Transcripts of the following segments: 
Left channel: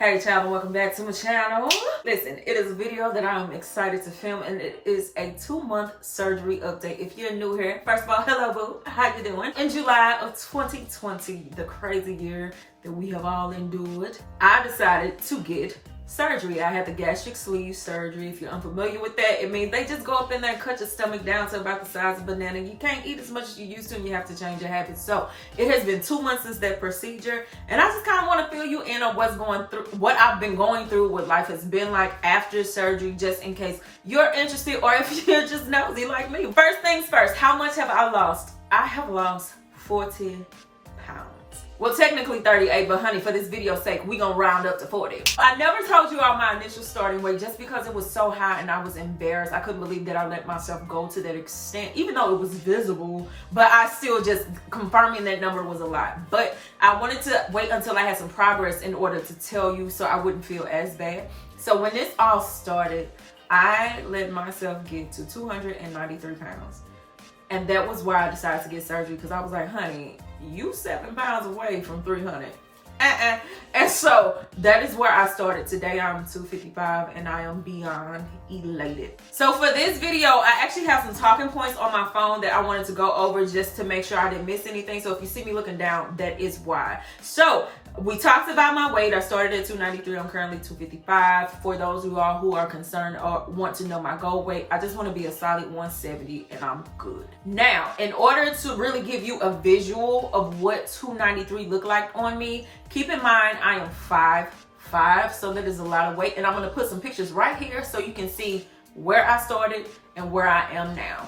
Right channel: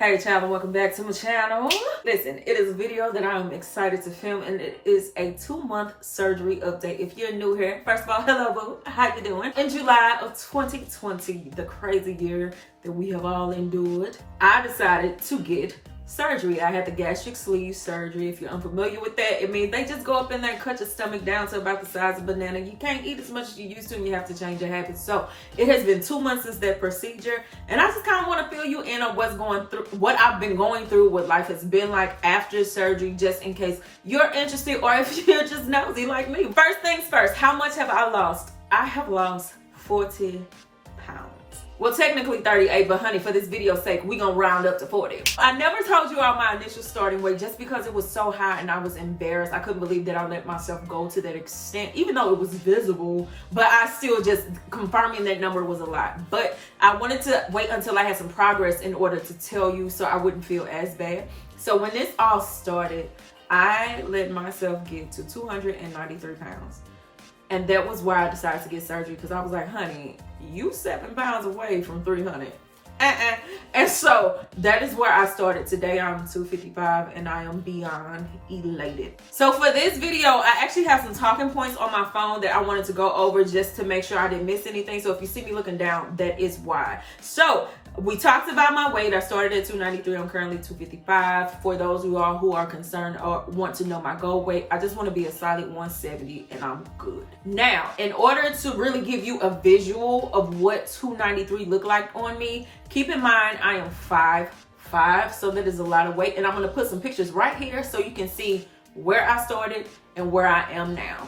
Hey channel, welcome back to my channel. Listen, it is a video that I'm excited to film, and it is a 2-month surgery update. If you're new here, first of all, hello boo, how you doing? In July of 2020, the crazy year that we have all endured, I decided to get surgery. I had the gastric sleeve surgery. If you're unfamiliar with that, it means they just go up in there and cut your stomach down to about the size of a banana. You can't eat as much as you used to, and you have to change your habits. So it has been 2 months since that procedure, and I just kind of want to fill you in on what I've been going through, what life has been like after surgery, just in case you're interested or if you're just nosy like me. First things first, how much have I lost? I have lost 40 pounds. Well, technically 38, but honey, for this video's sake, we gonna round up to 40. I never told you all my initial starting weight just because it was so high and I was embarrassed. I couldn't believe that I let myself go to that extent, even though it was visible, but I still just confirming that number was a lot. But I wanted to wait until I had some progress in order to tell you so I wouldn't feel as bad. So when this all started, I let myself get to 293 pounds. And that was why I decided to get surgery, because I was like, honey, you 7 pounds away from 300. And so that is where I started. Today I'm 255 and I am beyond elated. So for this video, I actually have some talking points on my phone that I wanted to go over just to make sure I didn't miss anything. So if you see me looking down, that is why. So we talked about my weight. I started at 293. I'm currently 255. For those of y'all who are concerned or want to know my goal weight, I just want to be a solid 170 and I'm good. Now, in order to really give you a visual of what 293 looked like on me, keep in mind I am 5'5", so that is a lot of weight. And I'm going to put some pictures right here so you can see where I started and where I am now.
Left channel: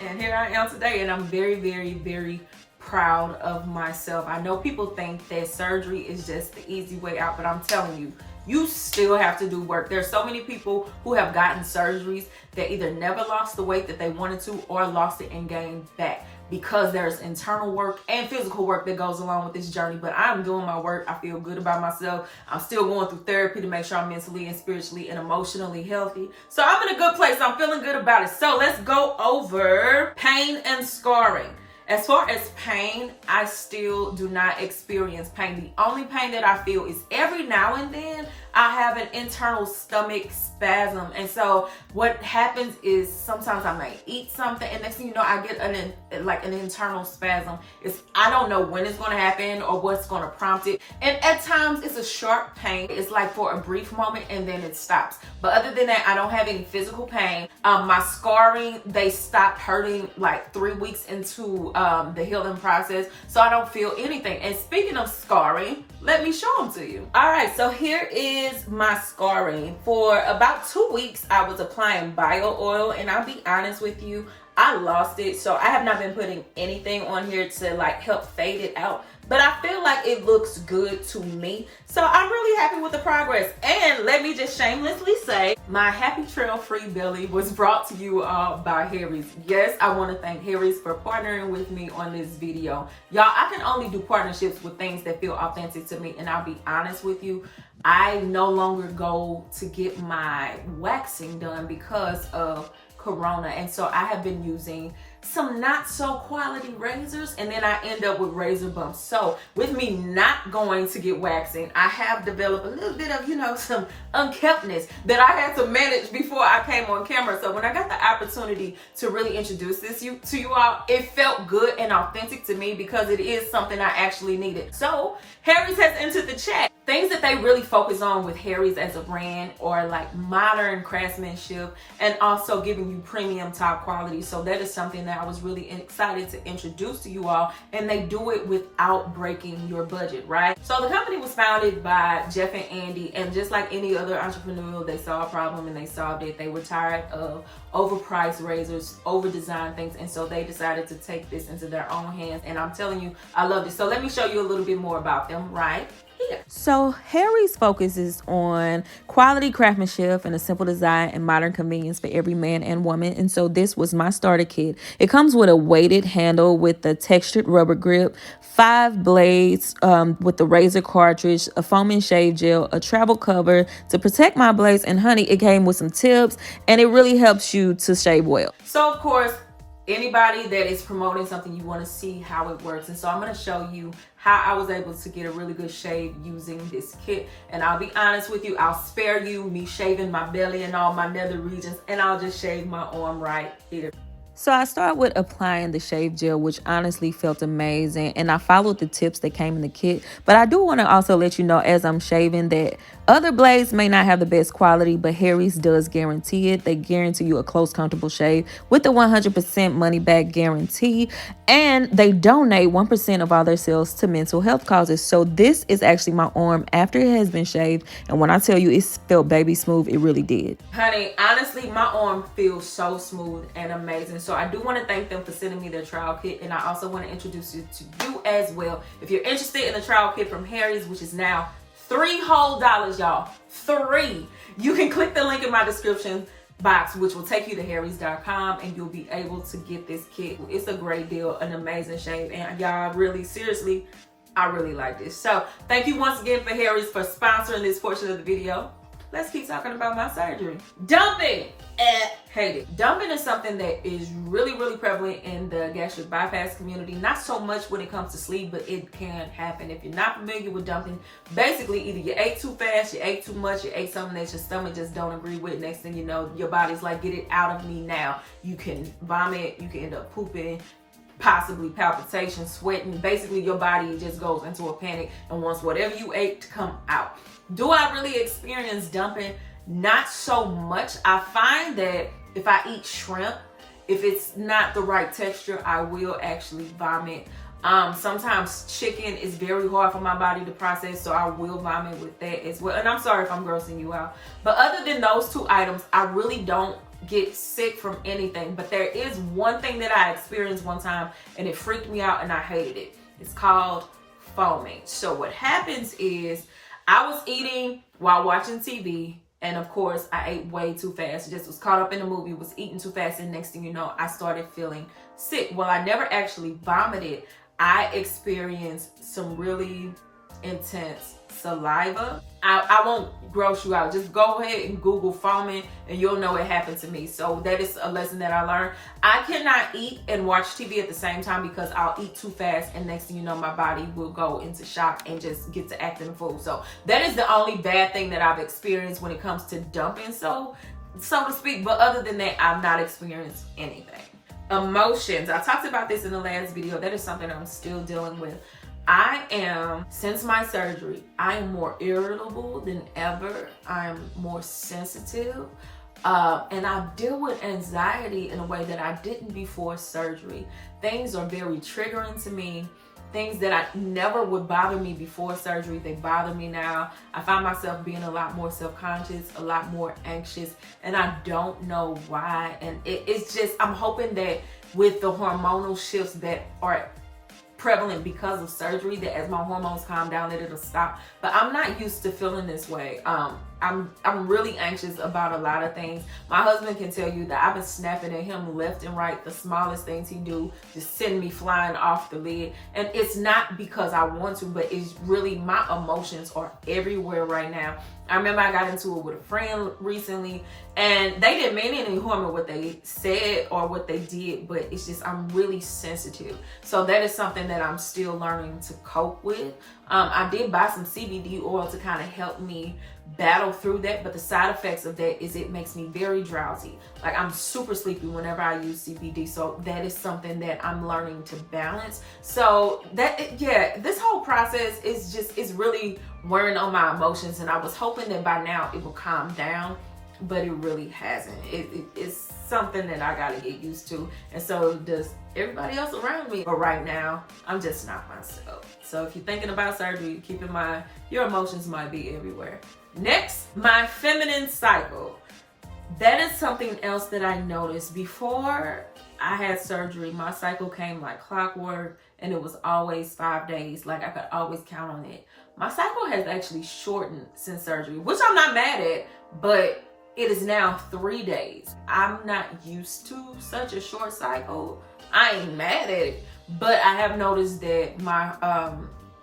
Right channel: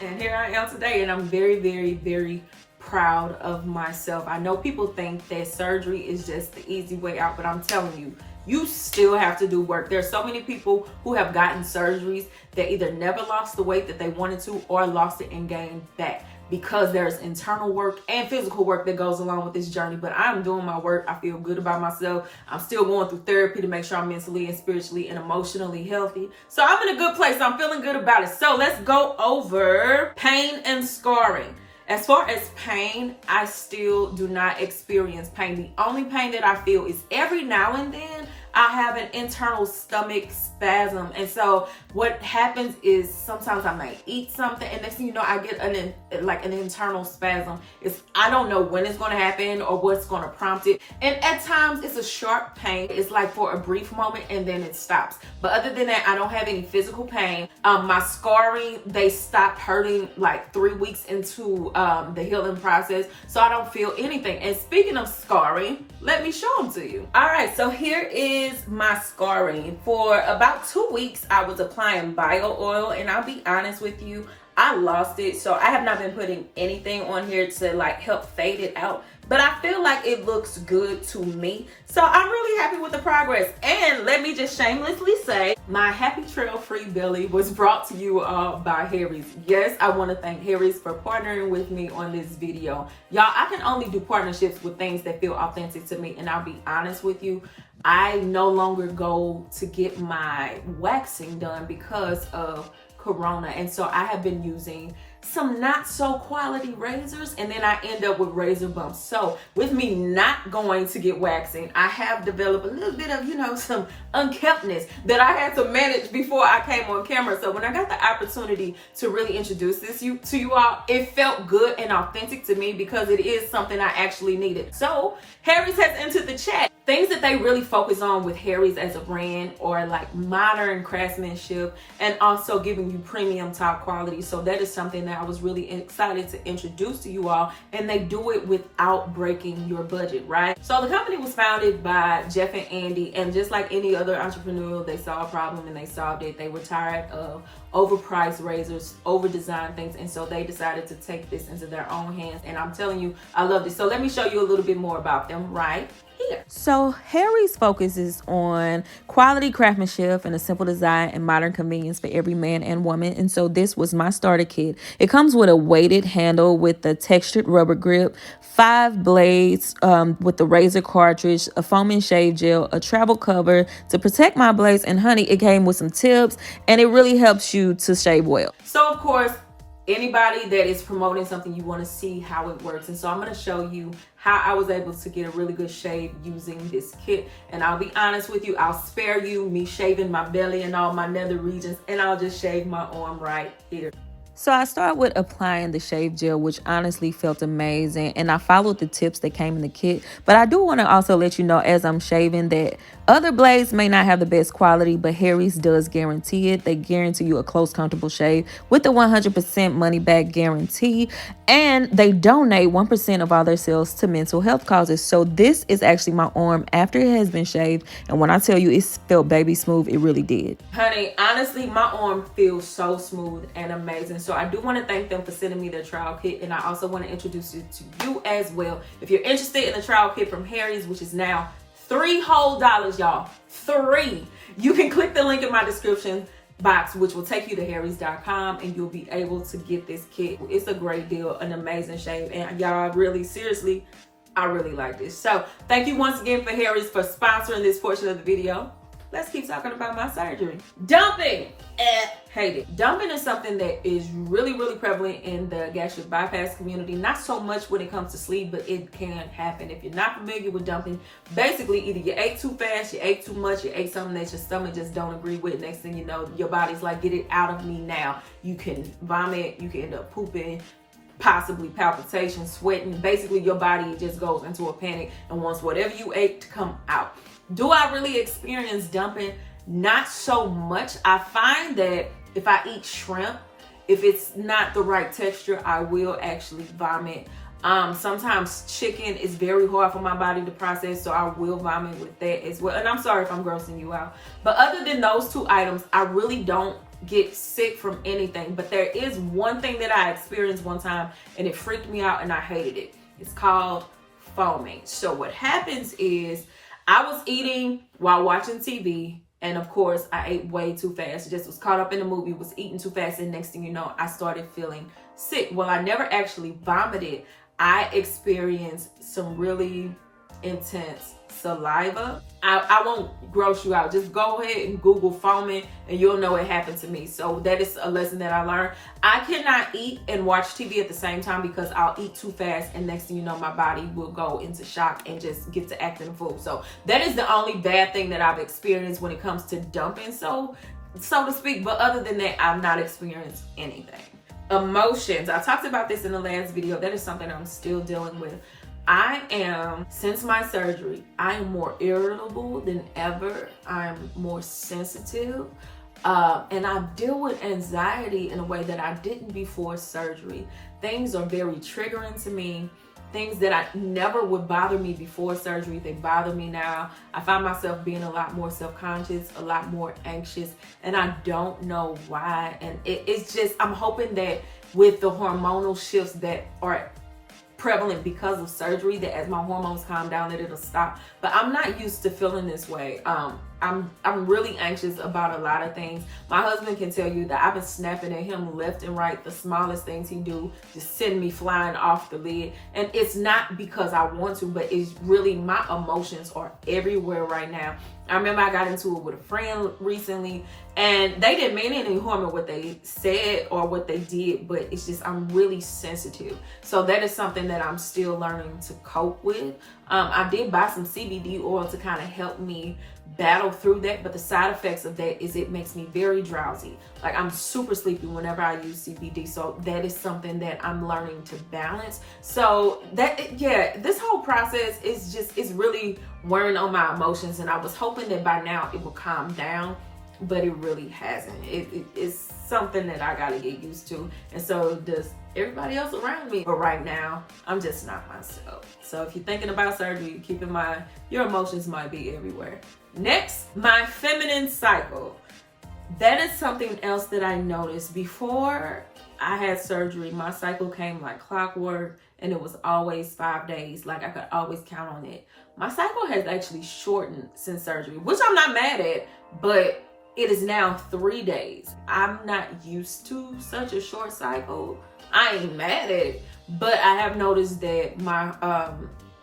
And here I am today, and I'm very, very, very proud of myself. I know people think that surgery is just the easy way out, but I'm telling you, you still have to do work. There's so many people who have gotten surgeries that either never lost the weight that they wanted to or lost it and gained back, because there's internal work and physical work that goes along with this journey. But I'm doing my work. I feel good about myself. I'm still going through therapy to make sure I'm mentally and spiritually and emotionally healthy. So I'm in a good place. I'm feeling good about it. So let's go over pain and scarring. As far as pain, I still do not experience pain. The only pain that I feel is every now and then I have an internal stomach spasm. And so what happens is sometimes I may eat something and next thing you know, I get an internal spasm. I don't know when it's going to happen or what's going to prompt it. And at times it's a sharp pain. It's like for a brief moment and then it stops. But other than that, I don't have any physical pain. My scarring, they stopped hurting like 3 weeks into the healing process. So I don't feel anything. And speaking of scarring, let me show them to you. All right, so here is my scarring. For about 2 weeks, I was applying bio oil, and I'll be honest with you, I lost it. So I have not been putting anything on here to like help fade it out, but I feel like it looks good to me. So I'm really happy with the progress. And let me just shamelessly say, my Happy Trail Free belly was brought to you all by Harry's. Yes, I want to thank Harry's for partnering with me on this video. Y'all, I can only do partnerships with things that feel authentic to me. And I'll be honest with you, I no longer go to get my waxing done because of Corona. And so I have been using some not so quality razors, and then I end up with razor bumps. So with me not going to get waxing, I have developed a little bit of, some unkemptness that I had to manage before I came on camera. So when I got the opportunity to really introduce this to you all, it felt good and authentic to me because it is something I actually needed. So Harry's has entered the chat. Things that they really focus on with Harry's as a brand are like modern craftsmanship and also giving you premium top quality. So that is something that I was really excited to introduce to you all, and they do it without breaking your budget, right? So the company was founded by Jeff and Andy, and just like any other entrepreneur, they saw a problem and they solved it. They were tired of overpriced razors, over-designed things, and so they decided to take this into their own hands, and I'm telling you, I loved it. So let me show you a little bit more about them right here. So So Harry's focuses on quality craftsmanship and a simple design and modern convenience for every man and woman. And so this was my starter kit. It comes with a weighted handle with a textured rubber grip, 5 blades with the razor cartridge, a foaming shave gel, a travel cover to protect my blades, and honey, it came with some tips, and it really helps you to shave well. So of course, anybody that is promoting something, you want to see how it works, and so I'm going to show you how I was able to get a really good shave using this kit. And I'll be honest with you, I'll spare you me shaving my belly and all my nether regions, and I'll just shave my arm right here. So I start with applying the shave gel, which honestly felt amazing, and I followed the tips that came in the kit. But I do want to also let you know as I'm shaving that other blades may not have the best quality, but Harry's does guarantee it. They guarantee you a close, comfortable shave with the 100% money back guarantee, and they donate 1% of all their sales to mental health causes. So this is actually my arm after it has been shaved, and when I tell you it felt baby smooth, it really did. Honey, honestly, my arm feels so smooth and amazing. So I do want to thank them for sending me their trial kit, and I also want to introduce it to you as well. If you're interested in the trial kit from Harry's, which is now $3 whole, y'all, 3, you can click the link in my description box, which will take you to harrys.com, and you'll be able to get this kit. It's a great deal, an amazing shave, and y'all, really, seriously, I really like this. So thank you once again for Harry's for sponsoring this portion of the video. Let's keep talking about my surgery. Dumping. Hate it. Dumping is something that is really, really prevalent in the gastric bypass community. Not so much when it comes to sleep, but it can happen. If you're not familiar with dumping, basically either you ate too fast, you ate too much, you ate something that your stomach just don't agree with. Next thing you know, your body's like, get it out of me now. You can vomit, you can end up pooping, possibly palpitations, sweating. Basically, your body just goes into a panic and wants whatever you ate to come out. Do I really experience dumping? Not so much. I find that if I eat shrimp, if it's not the right texture, I will actually vomit. Sometimes chicken is very hard for my body to process, so I will vomit with that as well. And I'm sorry if I'm grossing you out. But other than those 2 items, I really don't get sick from anything. But there is one thing that I experienced one time, and it freaked me out and I hated it. It's called foaming. So what happens is I was eating while watching TV, and of course I ate way too fast. Just was caught up in the movie, was eating too fast, and next thing you know, I started feeling sick. Well, I never actually vomited. I experienced some really intense saliva. I won't gross you out. Just go ahead and Google foaming and you'll know it happened to me. So that is a lesson that I learned. I cannot eat and watch TV at the same time because I'll eat too fast, and next thing you know, my body will go into shock and just get to acting a fool. So that is the only bad thing that I've experienced when it comes to dumping, so to speak. But other than that, I've not experienced anything. Emotions. I talked about this in the last video. That is something I'm still dealing with. Since my surgery, I am more irritable than ever. I'm more sensitive. And I deal with anxiety in a way that I didn't before surgery. Things are very triggering to me. Things that I never would bother me before surgery, they bother me now. I find myself being a lot more self-conscious, a lot more anxious, and I don't know why. And it's just, I'm hoping that with the hormonal shifts that are prevalent because of surgery, that as my hormones calm down, that it'll stop. But I'm not used to feeling this way. I'm really anxious about a lot of things. My husband can tell you that I've been snapping at him left and right. The smallest things he do just send me flying off the lid. And it's not because I want to, but it's really my emotions are everywhere right now. I remember I got into it with a friend recently, and they didn't mean any harm in what they said or what they did, but it's just, I'm really sensitive. So that is something that I'm still learning to cope with. I did buy some CBD oil to kind of help me battle through that, but the side effects of that is it makes me very drowsy. Like, I'm super sleepy whenever I use CBD. So that is something that I'm learning to balance. So that, yeah, this whole process is really wearing on my emotions, and I was hoping that by now it will calm down, but it really hasn't. It's something that I gotta get used to, and so does everybody else around me. But right now, I'm just not myself. So if you're thinking about surgery, keep in mind your emotions might be everywhere. Next, my feminine cycle. that is something else that I noticed. Before I had surgery, my cycle came like clockwork, and it was always 5 days. Like, I could always count on it. My cycle has actually shortened since surgery, which I'm not mad at, but it is now 3 days. I'm not used to such a short cycle. I ain't mad at it, but I have noticed that my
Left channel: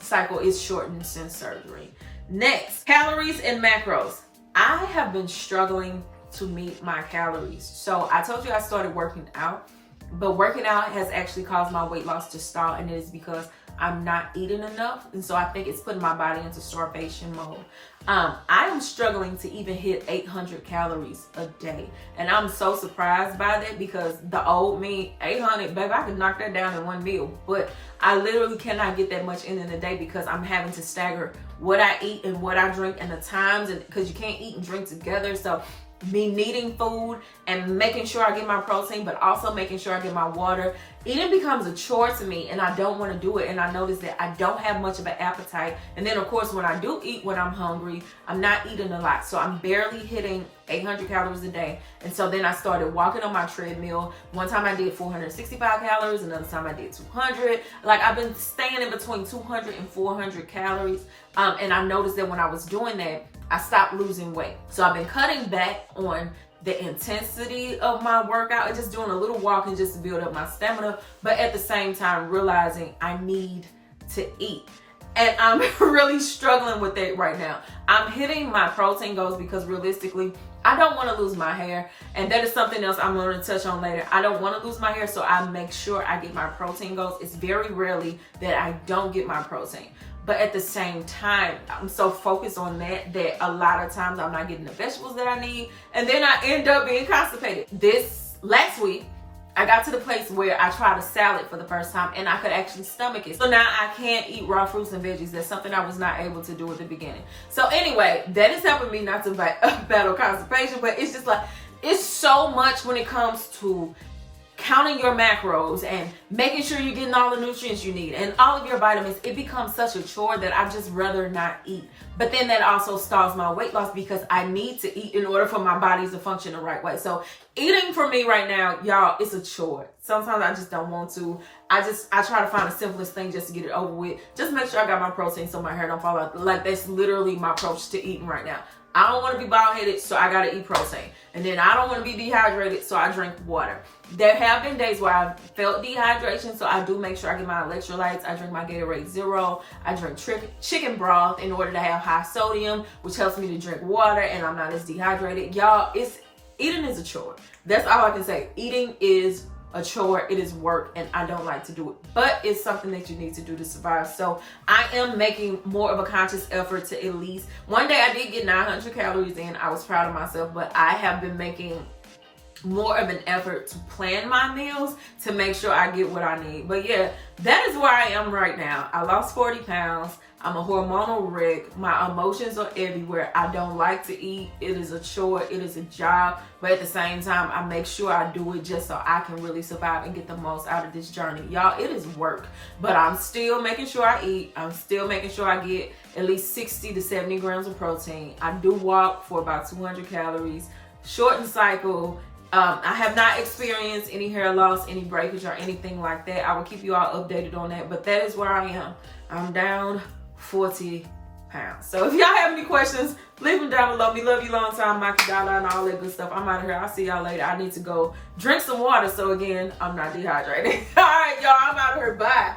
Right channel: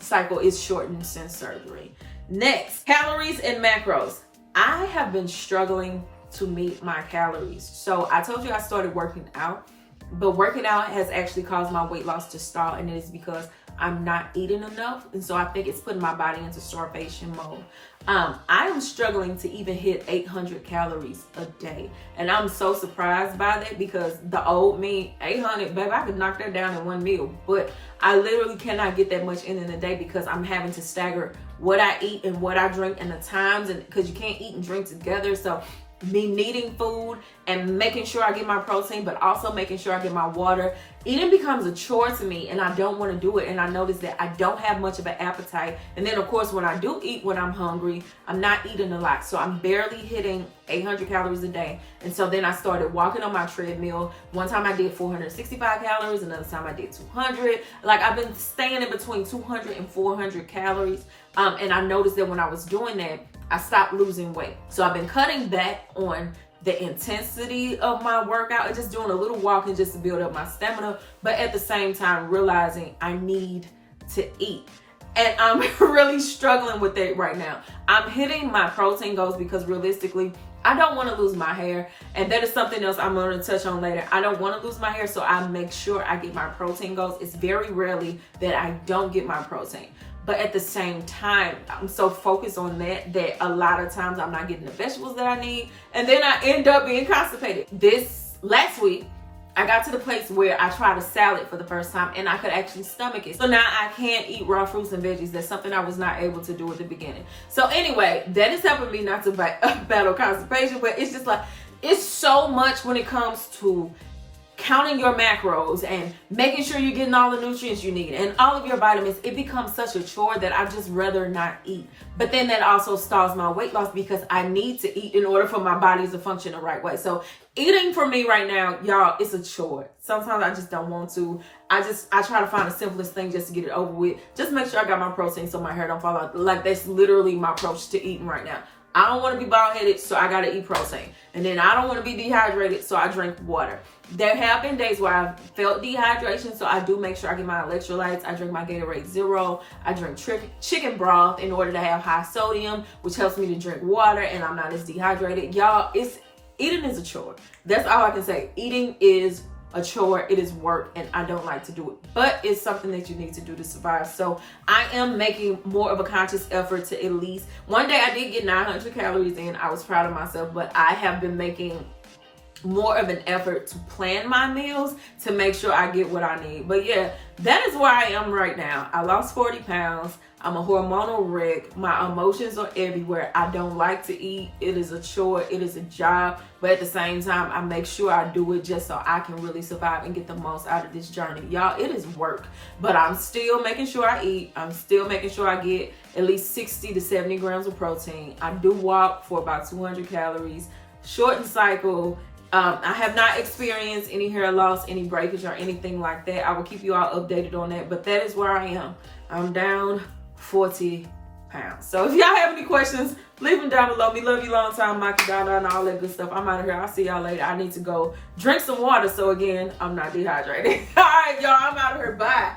cycle is shortened since surgery. Next, calories and macros. I have been struggling to meet my calories. So I told you I started working out, but working out has actually caused my weight loss to stall, and it is because I'm not eating enough. And so I think it's putting my body into starvation mode. I am struggling to even hit 800 calories a day. And I'm so surprised by that, because the old me, 800, baby, I could knock that down in one meal. But I literally cannot get that much in a day, because I'm having to stagger what I eat and what I drink and the times, and because you can't eat and drink together. So me needing food and making sure I get my protein, but also making sure I get my water. Eating becomes a chore to me, and I don't want to do it. And I notice that I don't have much of an appetite. And then, of course, when I do eat when I'm hungry, I'm not eating a lot. So I'm barely hitting 800 calories a day. And so then I started walking on my treadmill. One time I did 465 calories. Another time I did 200. Like, I've been staying in between 200 and 400 calories. And I noticed that when I was doing that, I stopped losing weight. So I've been cutting back on the intensity of my workout and just doing a little walking just to build up my stamina, but at the same time realizing I need to eat. And I'm really struggling with that right now. I'm hitting my protein goals because realistically, I don't want to lose my hair. And that is something else I'm going to touch on later. I don't want to lose my hair, so I make sure I get my protein goals. It's very rarely that I don't get my protein. But at the same time, I'm so focused on that a lot of times I'm not getting the vegetables that I need. And then I end up being constipated. This last week, I got to the place where I tried a salad for the first time and I could actually stomach it. So now I can't eat raw fruits and veggies. That's something I was not able to do at the beginning. So anyway, that is helping me not to battle constipation, but it's just like, it's so much when it comes to counting your macros and making sure you're getting all the nutrients you need and all of your vitamins. It becomes such a chore that I just rather not eat. But then that also stalls my weight loss, because I need to eat in order for my body to function the right way. So eating for me right now, y'all, it's a chore. Sometimes I just don't want to. I try to find the simplest thing just to get it over with. Just make sure I got my protein so my hair don't fall out. Like, that's literally my approach to eating right now. I don't want to be bald-headed, so I got to eat protein. And then I don't want to be dehydrated, so I drink water. There have been days where I've felt dehydration, so I do make sure I get my electrolytes. I drink my Gatorade Zero. I drink chicken broth in order to have high sodium, which helps me to drink water, and I'm not as dehydrated. Y'all, eating is a chore. That's all I can say. Eating is a chore, it is work, and I don't like to do it, but it's something that you need to do to survive. So I am making more of a conscious effort to at least, one day I did get 900 calories in. I was proud of myself, but I have been making more of an effort to plan my meals to make sure I get what I need. But yeah, that is where I am right now. I lost 40 pounds. I'm a hormonal wreck. My emotions are everywhere. I don't like to eat. It is a chore. It is a job. But at the same time, I make sure I do it just so I can really survive and get the most out of this journey. Y'all, it is work. But I'm still making sure I eat. I'm still making sure I get at least 60 to 70 grams of protein. I do walk for about 200 calories. Shortened cycle. I have not experienced any hair loss, any breakage, or anything like that. I will keep you all updated on that. But that is where I am. I'm down 40 pounds. So if y'all have any questions, leave them down below. We love you long time, Mike, Dada, and all that good stuff. I'm out of here. I'll see y'all later. I need to go drink some water so again, I'm not dehydrated. All right, y'all, I'm out of here. Bye.